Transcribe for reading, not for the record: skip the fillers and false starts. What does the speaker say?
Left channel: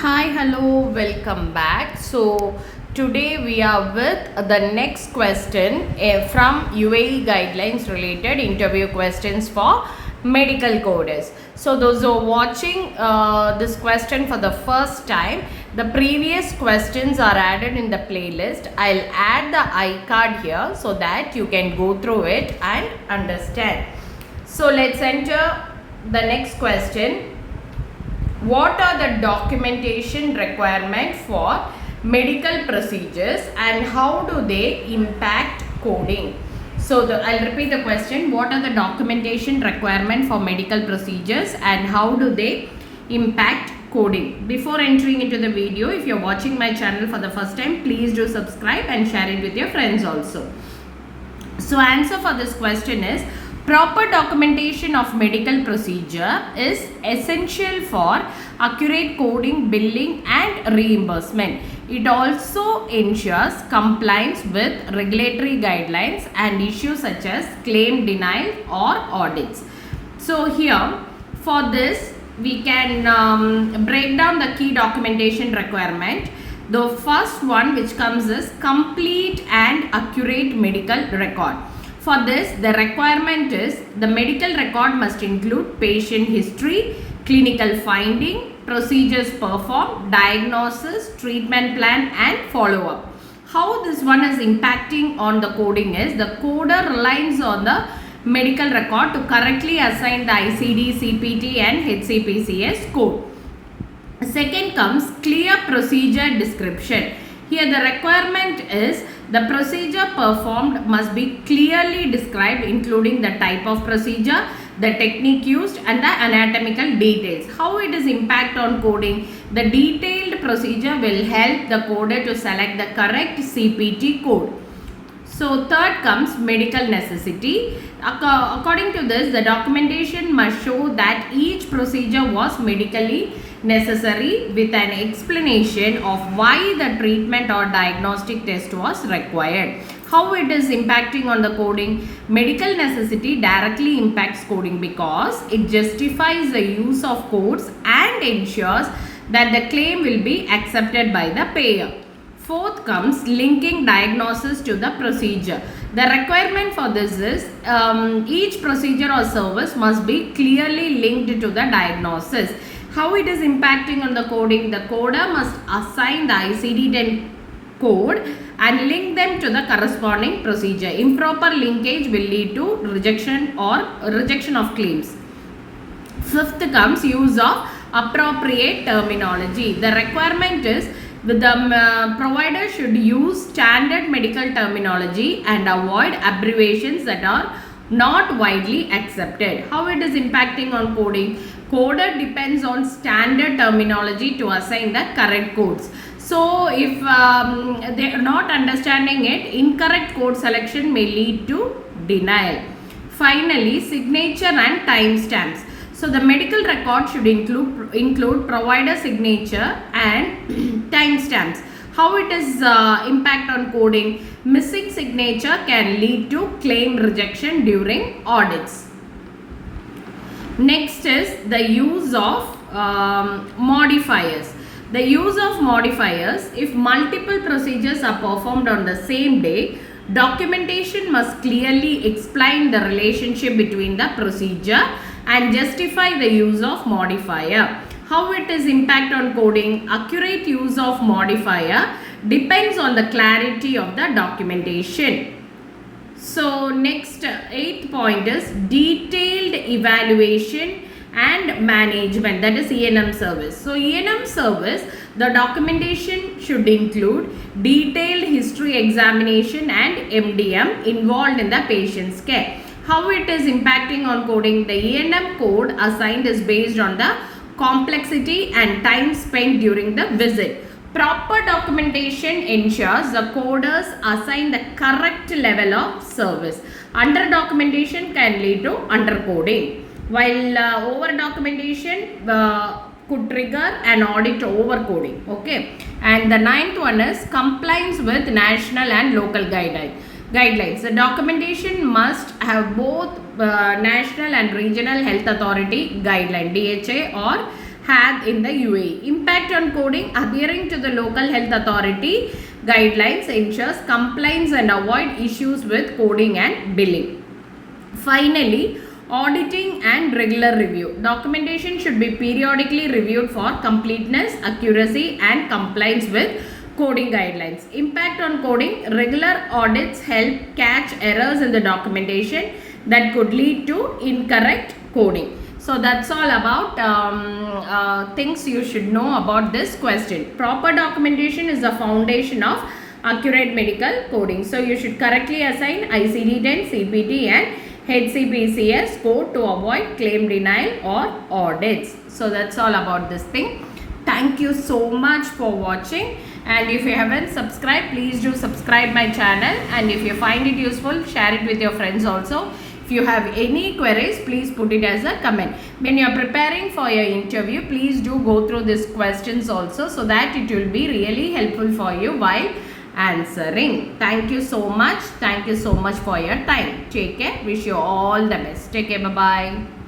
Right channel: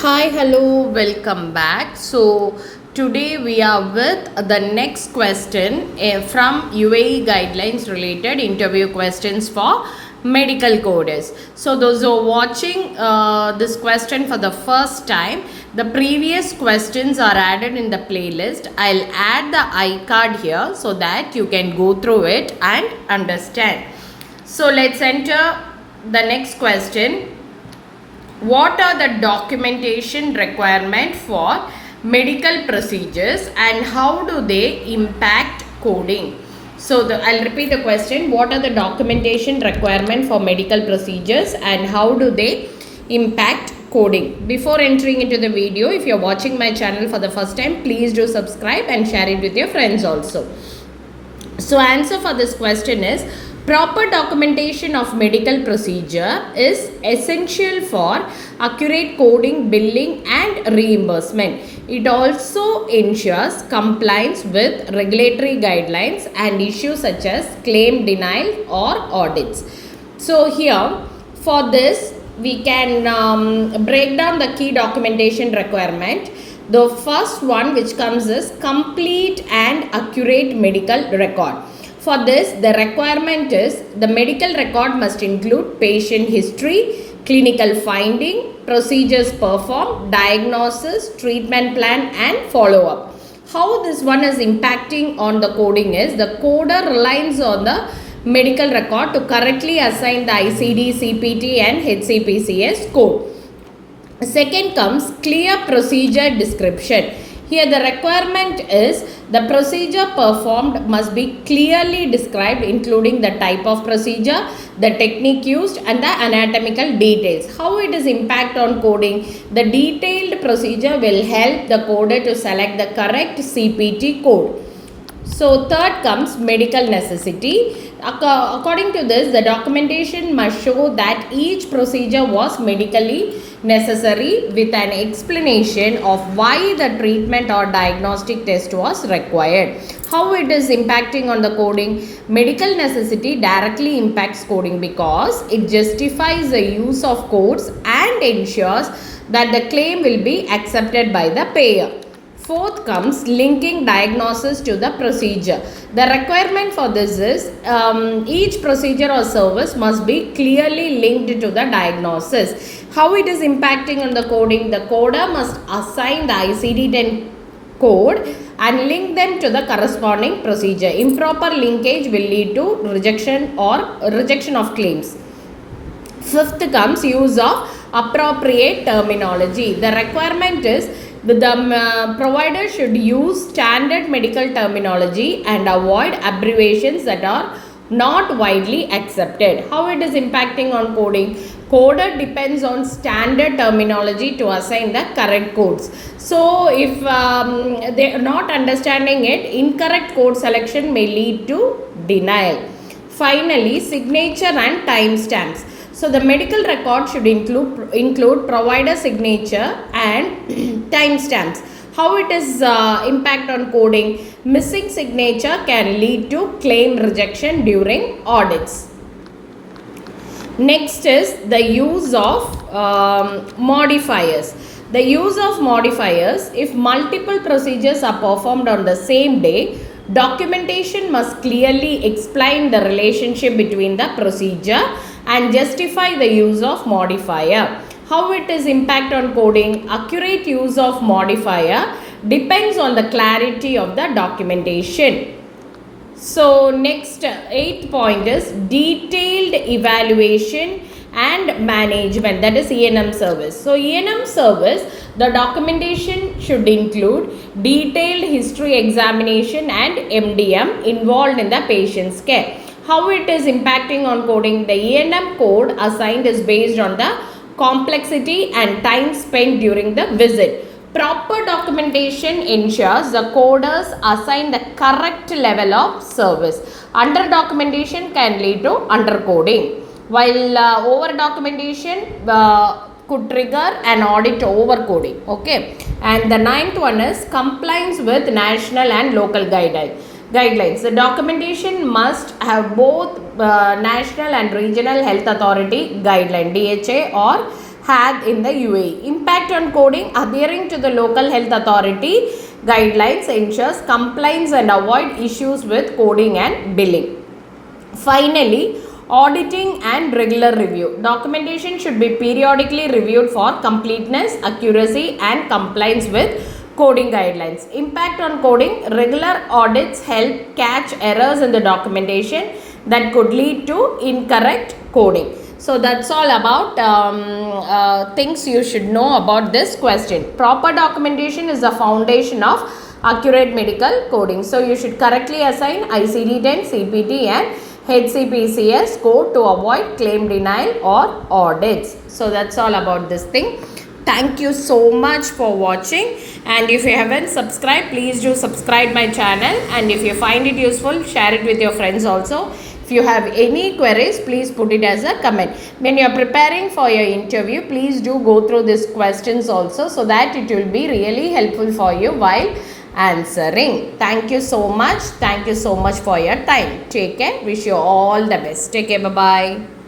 Hi, hello, welcome back. So, today we are with the next question from UAE guidelines related interview questions for medical coders. So, those who are watching this question for the first time, the previous questions are added in the playlist. I'll add the iCard here so that you can go through it and understand. So, let's enter the next question. What are the documentation requirement for medical procedures and how do they impact coding? So I'll repeat the question. What are the documentation requirement for medical procedures and how do they impact coding? Before entering into the video, if you're watching my channel for the first time, please do subscribe and share it with your friends also. So answer for this question is, proper documentation of medical procedure is essential for accurate coding, billing and reimbursement. It also ensures compliance with regulatory guidelines and issues such as claim denial or audits. So here for this we can break down the key documentation requirement. The first one which comes is complete and accurate medical record. For this, the requirement is the medical record must include patient history, clinical finding, procedures performed, diagnosis, treatment plan and follow-up. How this one is impacting on the coding is, the coder relies on the medical record to correctly assign the ICD, CPT and HCPCS code. Second comes clear procedure description. Here the requirement is the procedure performed must be clearly described, including the type of procedure, the technique used and the anatomical details. How it is impact on coding? The detailed procedure will help the coder to select the correct CPT code. So third comes medical necessity. According to this, the documentation must show that each procedure was medically necessary with an explanation of why the treatment or diagnostic test was required. How it is impacting on the coding? Medical necessity directly impacts coding because it justifies the use of codes and ensures that the claim will be accepted by the payer. Fourth comes linking diagnosis to the procedure. The requirement for this is each procedure or service must be clearly linked to the diagnosis. How it is impacting on the coding? The coder must assign the ICD-10 code and link them to the corresponding procedure. Improper linkage will lead to rejection of claims. Fifth comes use of appropriate terminology. The requirement is the provider should use standard medical terminology and avoid abbreviations that are not widely accepted. How it is impacting on coding? Coder depends on standard terminology to assign the correct codes. So if they are not understanding it, incorrect code selection may lead to denial. Finally, signature and timestamps. So the medical record should include provider signature and timestamps. How it is impact on coding? Missing signature can lead to claim rejection during audits. Next is the use of modifiers. The use of modifiers, if multiple procedures are performed on the same day, documentation must clearly explain the relationship between the procedure and justify the use of modifier. How it is impact on coding? Accurate use of modifier depends on the clarity of the documentation. So next 8th point is detailed evaluation and management, that is E&M service. So E&M service, the documentation should include detailed history examination and MDM involved in the patient's care. How it is impacting on coding? The E&M code assigned is based on the complexity and time spent during the visit. Proper documentation ensures the coders assign the correct level of service. Under documentation can lead to undercoding, while over documentation could trigger an audit overcoding. Okay, and the 9th one is compliance with national and local guidelines. The documentation must have both national and regional health authority guideline, DHA or had in the UAE. Impact on coding: adhering to the local health authority guidelines ensures compliance and avoid issues with coding and billing. Finally, auditing and regular review. Documentation should be periodically reviewed for completeness, accuracy and compliance with coding guidelines. Impact on coding: regular audits help catch errors in the documentation that could lead to incorrect coding. So that's all about things you should know about this question. Proper documentation is the foundation of accurate medical coding. So you should correctly assign ICD-10, CPT and HCPCS code to avoid claim denial or audits. So that's all about this thing. Thank you so much for watching, and if you haven't subscribed, please do subscribe my channel, and if you find it useful, share it with your friends also. If you have any queries, please put it as a comment. When you are preparing for your interview, please do go through these questions also, so that it will be really helpful for you while answering. Thank you so much. Thank you so much for your time. Take care. Wish you all the best. Take care. Bye bye.